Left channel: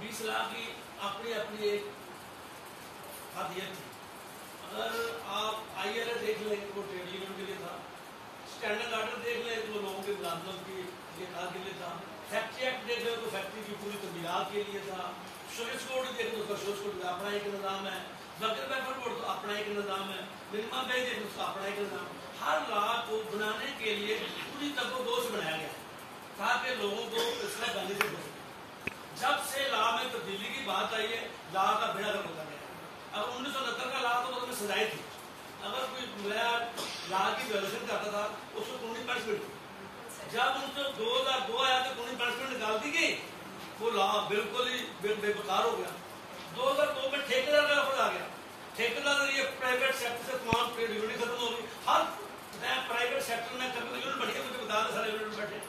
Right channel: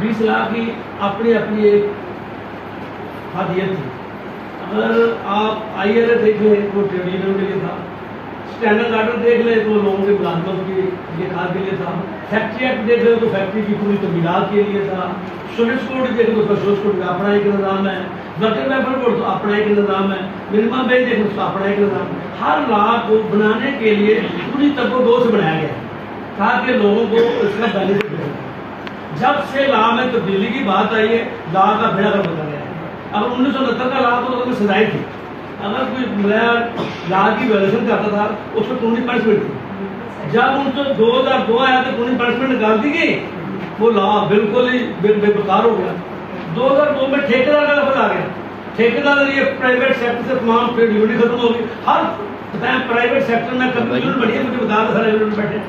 20 लाख की अपनी अपनी एक खादियत थी। अगर आप IRA देख लें तो ट्रेड यूनियन के लिए था, स्टैंडर्ड आर्डर देख लें तो लोगों के मुलाजमत के लिए खाद के लिए था, फैक्ट्री एक्ट देख लें तो फैक्ट्री की पूरी तमीरात के लिए था, सोलिस कोड देख लो तो सोलिस कोड का अपना एक निज़ाम है, वर्कर वेलफेयर कोड तो अपना एक निज़ाम है, मिनिमम वेज देख लो उसका अपना एक निज़ाम है। हर लॉ को बनाने के लिए पूरी तबको से बनाया गया है ताकि लोगों को इसका बेनिफिट मिले। जब से लॉ में तब्दीली की बात आई है, लॉ का बेड़ा गर्क बदल गया है। अब 1969 का लॉ तो उसमें सजाएं थी, अगर कोई लॉ की वायलेशन करता था उसको कानूनी पनिशमेंट थी। जब उनको 2002 आया तो कानूनी पनिशमेंट निकाल दी गई, वो लॉ बिल्कुल ही बेकार हो गया। 2002 में ठेकेदार का लफ्ज आ गया, ठेकेदार ये प्राइवेट सेक्टर से तमाम ट्रेड यूनियन खत्म होगी। हर प्राइवेट सेक्टर में कभी यूनियन बनी है, मुझे बता दो सारे यूनियन बैठे,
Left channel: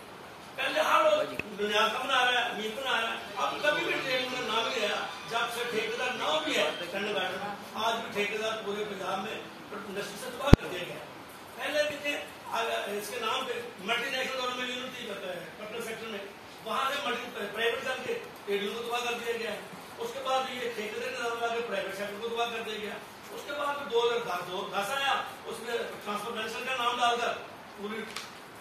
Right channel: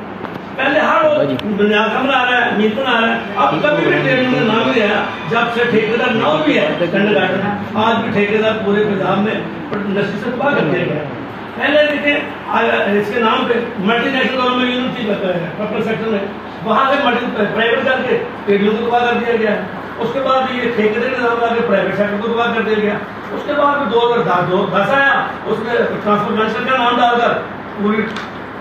पहले हर रोज बुनियाद बना रहा है, मीट बना रहा है, अब कभी भी ट्रेड यूनियन ना भी आया। जब से ठेकेदार ना भी है स्टैंडर्ड आर्डर में, आज भी ठेकेदार पूरे पंजाब में इंडस्ट्री से तबाह कर दिया गया। पहले देखिए इसके नाम पे मल्टीनेशनल गवर्नमेंट यूनियन थी पब्लिक सेक्टर में, वहां से प्राइवेट करके ट्रेड यूनियन को तबाह कर दिया गया। उसके बाद ये ठेकेदारी निजाम आके प्राइवेट सेक्टर को तबाह कर दिया गया। उसके बाद 2010 आया, उसमें ट्रांसफॉर्मेशन का नाम डालकर पूरी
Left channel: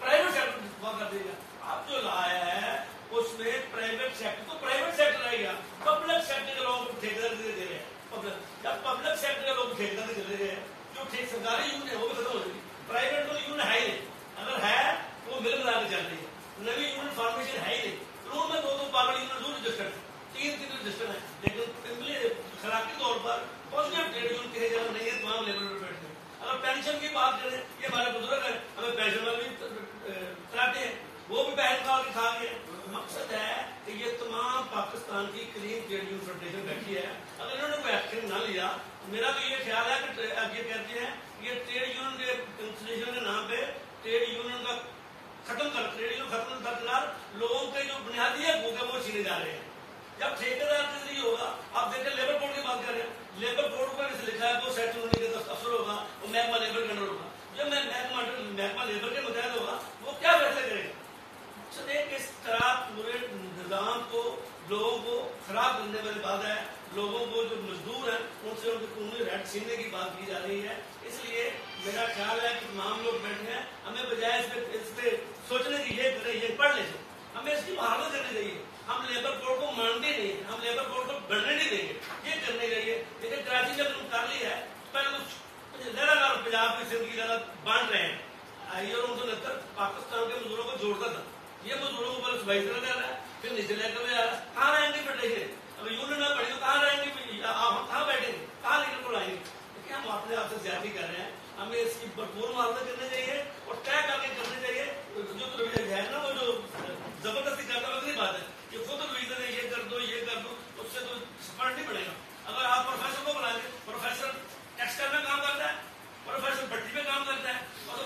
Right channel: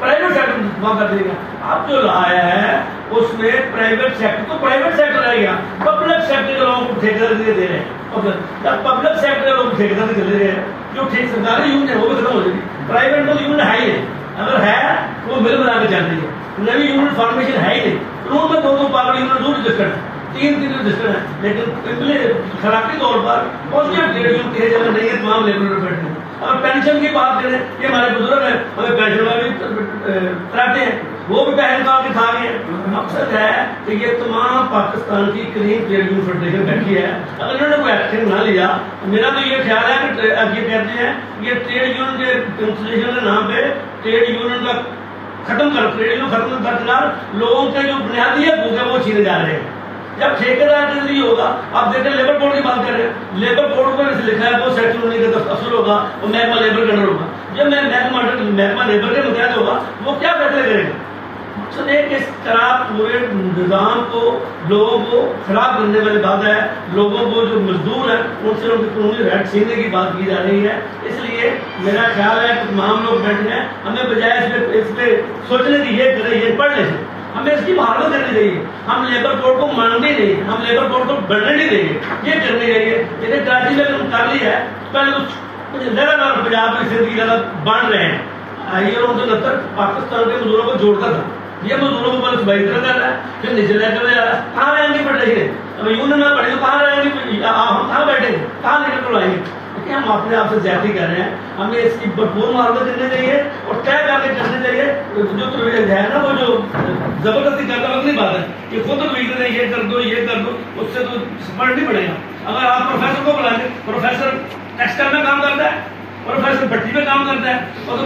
प्राइवेट सेक्टर को तबाह कर दिया गया। अब जो आया है उसमें प्राइवेट सेक्टर तो प्राइवेट सेक्टर रह गया, पब्लिक सेक्टर के लोगों को ठेकेदार दे रहे हैं। जब पब्लिक सेक्टर के लोग ठेकेदार दे रहे हैं, जो सरकारी यूनियन है वो भी खत्म हो जाएगी। प्राइवेट तो यूनियन है ही नहीं, अगर है तो वो मिल बना के चलती है, नवी यूनियन फॉर्मेशन है ही नहीं। कानून में दो पावर यूनियन 2 रजिस्टर्ड है, 3 रजिस्टर्ड है, लेकिन खराबी तौर पर पॉजिटिव ट्रेड यूनियन की जगह नहीं है, तमाम लेबर बैठे हैं। और पेंशन की बात करें, ये हमारे बुजुर्ग हैं, हमें पेंशन वाले कराते हैं, वो भी पहल निकाल के खा रहे हैं। मकसद है कि ये तमाम पाकिस्तान की क्लीन ट्रेड यूनियन फेडरेशन बैठी है, अगर इन्होंने कोई एक्शन ना लिया, मेरा तो ये ख्याल है कि अब ये कहते हैं ये ट्रेड यूनियन के इंस्टीट्यूशन के नाम पे ट्रेड यूनियन का खत्म कर, ट्रेड यूनियन खत्म करना, लोगों के जो बुनियादी हकूक है वो छीने जा रहे हैं। जब ठेकेदार के जरिए होगा, आप देखते हैं लेबर कोड की बात कर रहे हैं, लेबर कोड पर लिखा है वो सेक्टर होने का अफसर होगा, वो महकमा लेबर का अंडर होगा। जब महकमा लेबर के मुतहत होगा, वो क्या फैसले करेगा? मकसद है कि इस तरह पूरे निज़ाम को, लोगों को खराब करने वाली बात है। लोगों को जो मजदूर है उनसे उनकी कानूनी राइट छीनने की बात की जा रही है। इसलिए मेरा ख्याल है कि तमाम लोग बैठे हैं, हमें बजाय इस पे सोचने की ये करें, ये पढ़ लें, हमें इसकी बहादुरी करनी चाहिए। हम लेबर कोड को मानते नहीं, हम लेबर कोड को बढ़ने नहीं देंगे, ये करनी चाहिए। यदि कराची में हम कर लिया है, पहले तो लगातार पंजाब की जिंदगी ज्यादा बढ़ रहे हैं। 1969 पाकिस्तान के मजदूरों को जोड़ता था, ये मजदूरों को बस बहितर कर रहा है, फिर निचले कर रहा है। कहाँ रहेंगे फेडरेशन? अब यूनियन में पढ़े तो कहाँ रहेंगे, हम कहाँ बैठेंगे, कहाँ लेकर तो आएंगे? देखिए हम अपने आप से ज्यादा कर रहे हैं, हमें इसकी भरपूर मुआवजा करनी चाहिए और तय करके करनी चाहिए। जो है ना, वो जो जबरदस्ती करना वक्त नहीं बात है, ये खुद रीजन है, ये कर दो ये कर दो, उससे तो फर्क नहीं पड़ेगा। अगर आप प्रोफेसर को बुलाएंगे, प्रोफेसर टेक्सटाइल में काम करता है, प्रोफेसर भट्टी में काम करता है, और तो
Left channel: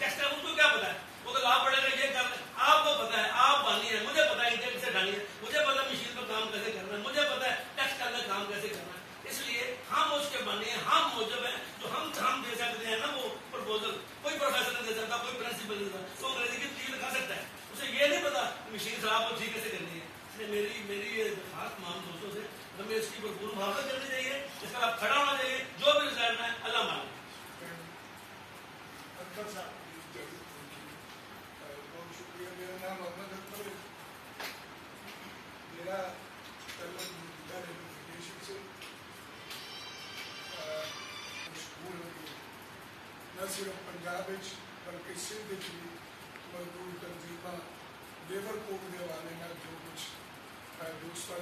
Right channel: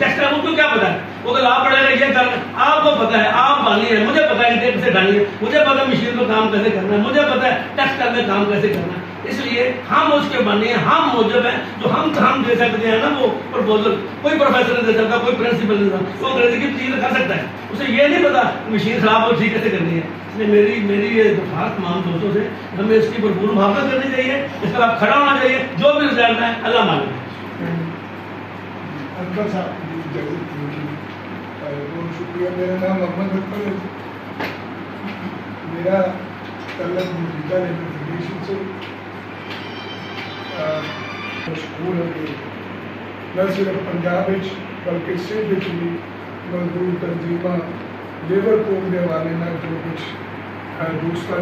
टेक्सटाइल को क्या पता है, वो तो लाभ पड़ेगा ये कर, आपको पता है, आप बानी है, मुझे पता है कैसे डाली है, मुझे पता है मशीन में काम कैसे करना है, मुझे पता है टेक्सटाइल में काम कैसे करना है। इसलिए हम उसके बने, हम मौजूद हैं, जो हम दे सकते हैं ना वो प्रपोजल, कोई प्रोफेसर नहीं दे सकता, कोई प्रिंसिपल नहीं दे सकता, वो अंग्रेजी की चीज कर सकता है, उसे ये नहीं पता मशीन खराब हो ठीक कैसे करनी है। इसलिए मेरी ये दरख्वास्त तमाम दोस्तों से, हमें इसकी भरपूर मुहावजा करनी चाहिए, इस तरह खड़ा होना चाहिए, जो भी रिजल्ट है अल्लाह मालिक। अकबर साहब बहुत शुक्रिया। मेरा नाम मोहम्मद अकबर है, मेरा तलब मौजूदा लेबर फेडरेशन से मशहूर है कि न सिर्फ पंजाब बल्कि सिंध की मजदूर तंजीमां लेबर कोड के हवाले जो कुछ दूसरा